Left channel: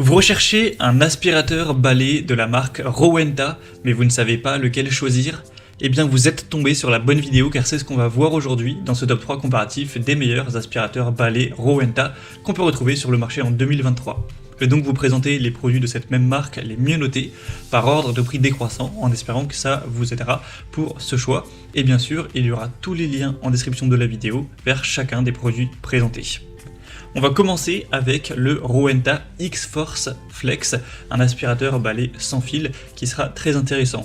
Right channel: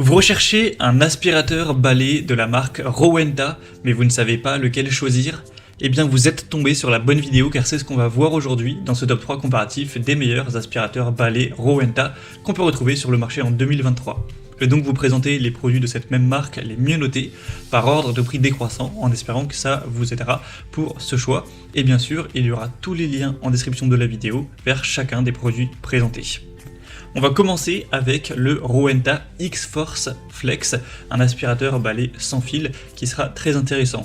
Vous recherchez un aspirateur balai de la marque Rowenta, mais vous ne savez pas lequel choisir? Eh bien, vous êtes tombé sur la bonne vidéo car c'est ce qu'on va voir aujourd'hui dans ce top 3 comparatif des meilleurs aspirateurs balai Rowenta qu'on peut retrouver sur le marché en 2023. Je vais donc vous présenter les produits de cette même marque les mieux notés par ordre de prix décroissant en espérant que ça vous aidera pour ce choix. Et bien sûr, il y aura tous les liens en description de la vidéo vers chacun des produits présentés. On va commencer avec le Rowenta X-Force Flex, un aspirateur balai sans fil qui sera très intéressant.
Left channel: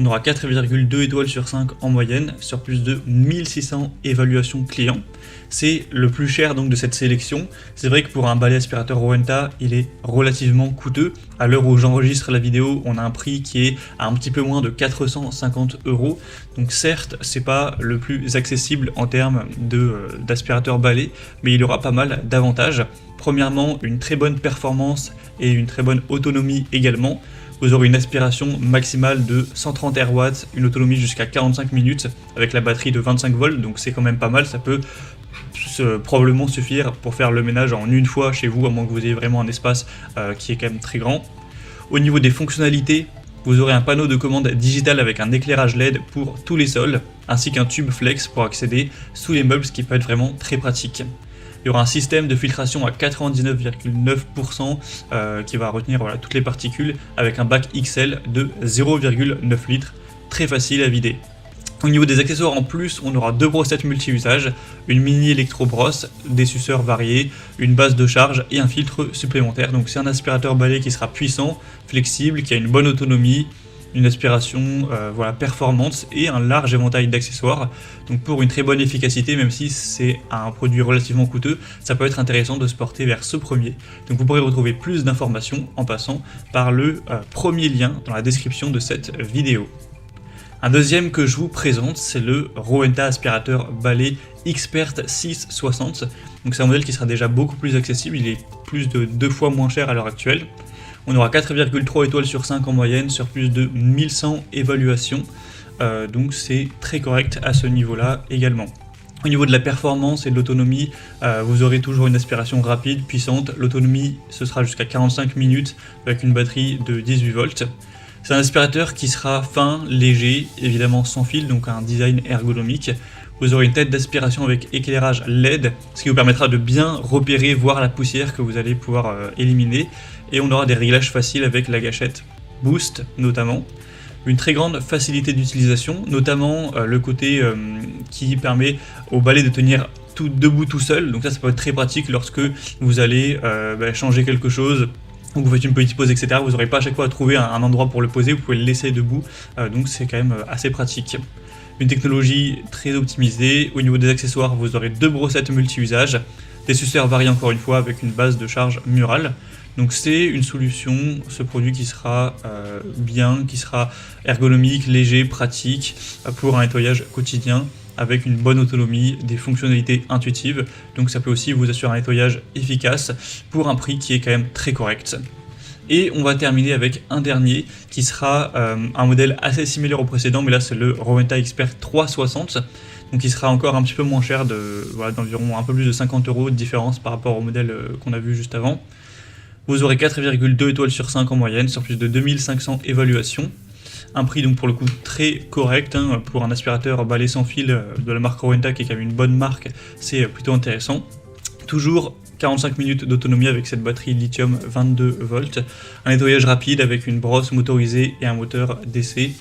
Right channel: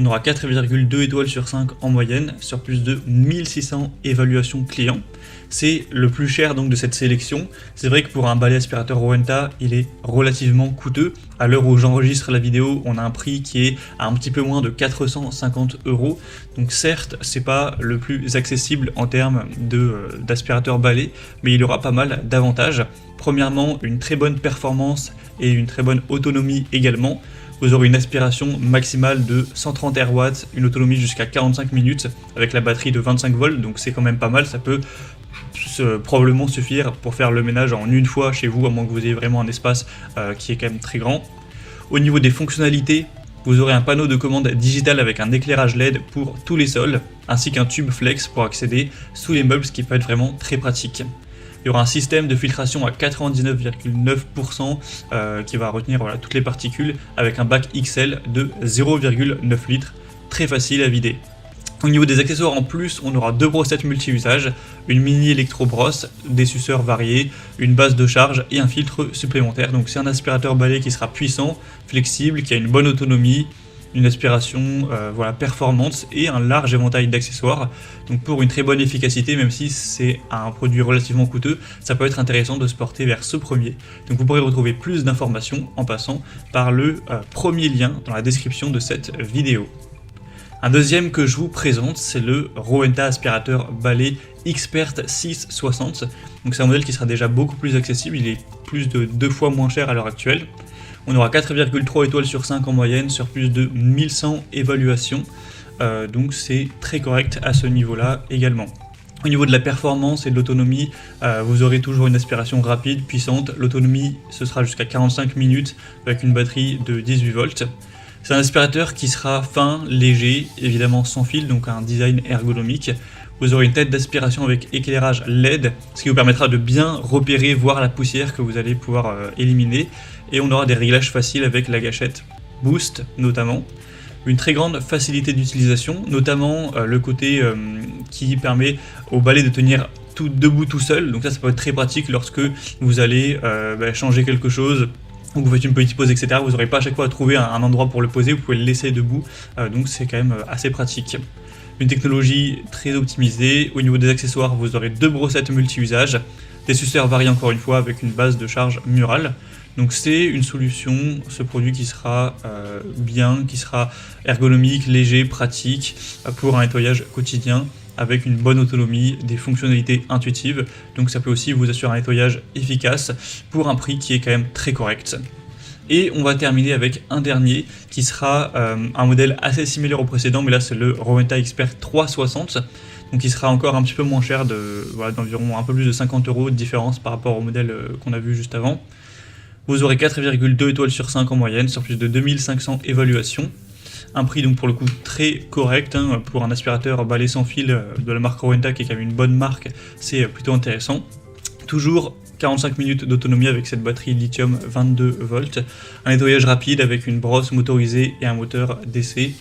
On aura 4,2 étoiles sur 5 en moyenne sur plus de 1600 évaluations clients. C'est le plus cher donc de cette sélection. C'est vrai que pour un balai aspirateur Rowenta, il est relativement coûteux. À l'heure où j'enregistre la vidéo, on a un prix qui est à un petit peu moins de 450 €. Donc certes, c'est pas le plus accessible en termes d'aspirateur balai, mais il aura pas mal d'avantages. Premièrement, une très bonne performance et une très bonne autonomie également. Vous aurez une aspiration maximale de 130 Rw, une autonomie jusqu'à 45 minutes avec la batterie de 25 volts, donc c'est quand même pas mal, ça peut probablement suffire pour faire le ménage en une fois chez vous, à moins que vous ayez vraiment un espace qui est quand même très grand. Au niveau des fonctionnalités, vous aurez un panneau de commande digital avec un éclairage LED pour tous les sols, ainsi qu'un tube flex pour accéder sous les meubles, ce qui peut être vraiment très pratique. Il y aura un système de filtration à 99,9% qui va retenir toutes les particules avec un bac XL de 0,9 litres, très facile à vider. Au niveau des accessoires en plus, on aura deux brossettes multi-usages, une mini électro-brosse, des suceurs variés, une base de charge et un filtre supplémentaire. Donc c'est un aspirateur balai qui sera puissant, flexible, qui a une bonne autonomie, une aspiration performante et un large éventail d'accessoires. Donc pour une très bonne efficacité, même si c'est un produit relativement coûteux, ça peut être intéressant de se porter vers ce premier. Donc vous pourrez retrouver plus d'informations en passant par le premier lien dans la description de cette vidéo. Un deuxième que je vous présente, c'est le Rowenta aspirateur balai Expert 660. Donc c'est un modèle qui sera déjà beaucoup plus accessible, il est plus de 2 fois moins cher à l'heure actuelle. On aura 4,3 étoiles sur 5 en moyenne sur plus de 1100 évaluations, donc c'est très correct à ce niveau-là également. Au niveau de la performance et de l'autonomie, vous aurez toujours une aspiration rapide, puissante. L'autonomie, ce sera jusqu'à 45 minutes avec une batterie de 18 volts. C'est un aspirateur qui sera fin, léger, évidemment sans fil, donc un design ergonomique. Vous aurez une tête d'aspiration avec éclairage LED, ce qui vous permettra de bien repérer, voir la poussière que vous allez pouvoir éliminer. Et on aura des réglages faciles avec la gâchette Boost notamment. Une très grande facilité d'utilisation, notamment le côté qui permet au balai de tenir tout debout tout seul. Donc ça peut être très pratique lorsque vous allez changer quelque chose, ou vous faites une petite pause, etc. Vous n'aurez pas à chaque fois à trouver un endroit pour le poser, vous pouvez le laisser debout. Donc c'est quand même assez pratique. Une technologie très optimisée. Au niveau des accessoires, vous aurez deux brossettes multi-usages, des suceurs variés encore une fois avec une base de charge murale. Donc c'est une solution, ce produit qui sera bien, qui sera ergonomique, léger, pratique pour un nettoyage quotidien avec une bonne autonomie, des fonctionnalités intuitives. Donc ça peut aussi vous assurer un nettoyage efficace pour un prix qui est quand même très correct. Et on va terminer avec un dernier qui sera un modèle assez similaire au précédent, mais là c'est le Rowenta Expert 360. Donc il sera encore un petit peu moins cher, d'environ un peu plus de 50 € de différence par rapport au modèle qu'on a vu juste avant. Vous aurez 4,2 étoiles sur 5 en moyenne sur plus de 2500 évaluations. Un prix donc pour le coup très correct pour un aspirateur balai sans fil de la marque Rowenta qui est quand même une bonne marque, c'est plutôt intéressant. Toujours 45 minutes d'autonomie avec cette batterie lithium 22 volts, un nettoyage rapide avec une brosse motorisée et un moteur d'essai.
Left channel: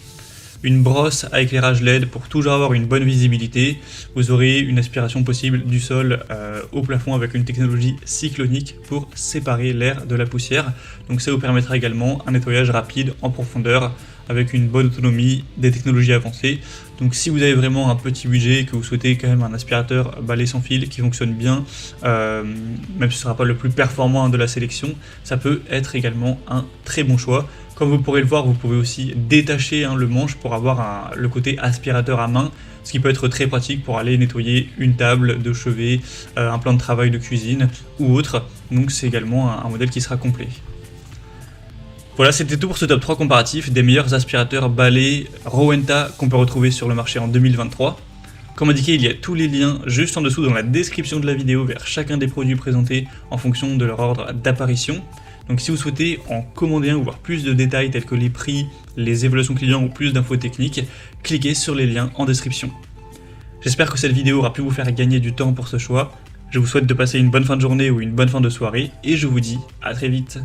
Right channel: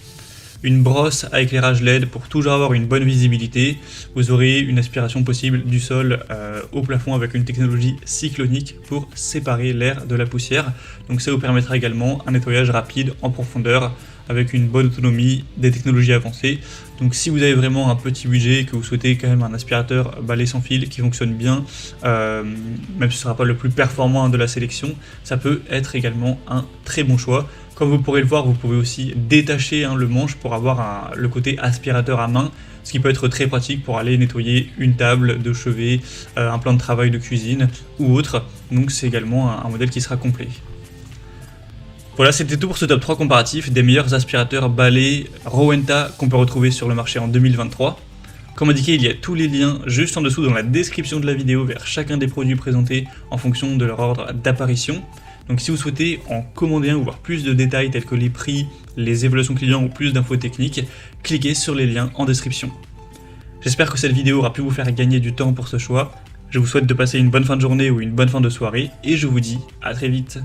Une brosse à éclairage LED pour toujours avoir une bonne visibilité. Vous aurez une aspiration possible du sol au plafond avec une technologie cyclonique pour séparer l'air de la poussière. Donc ça vous permettra également un nettoyage rapide en profondeur avec une bonne autonomie, des technologies avancées. Donc si vous avez vraiment un petit budget, que vous souhaitez quand même un aspirateur balai sans fil qui fonctionne bien, même si ce ne sera pas le plus performant de la sélection, ça peut être également un très bon choix. Comme vous pourrez le voir, vous pouvez aussi détacher le manche pour avoir le côté aspirateur à main, ce qui peut être très pratique pour aller nettoyer une table de chevet, un plan de travail de cuisine ou autre. Donc c'est également un modèle qui sera complet. Voilà, c'était tout pour ce top 3 comparatif des meilleurs aspirateurs balai Rowenta qu'on peut retrouver sur le marché en 2023. Comme indiqué, il y a tous les liens juste en dessous dans la description de la vidéo vers chacun des produits présentés en fonction de leur ordre d'apparition. Donc si vous souhaitez en commander un ou voir plus de détails tels que les prix, les évaluations clients ou plus d'infos techniques, cliquez sur les liens en description. J'espère que cette vidéo aura pu vous faire gagner du temps pour ce choix. Je vous souhaite de passer une bonne fin de journée ou une bonne fin de soirée et je vous dis à très vite.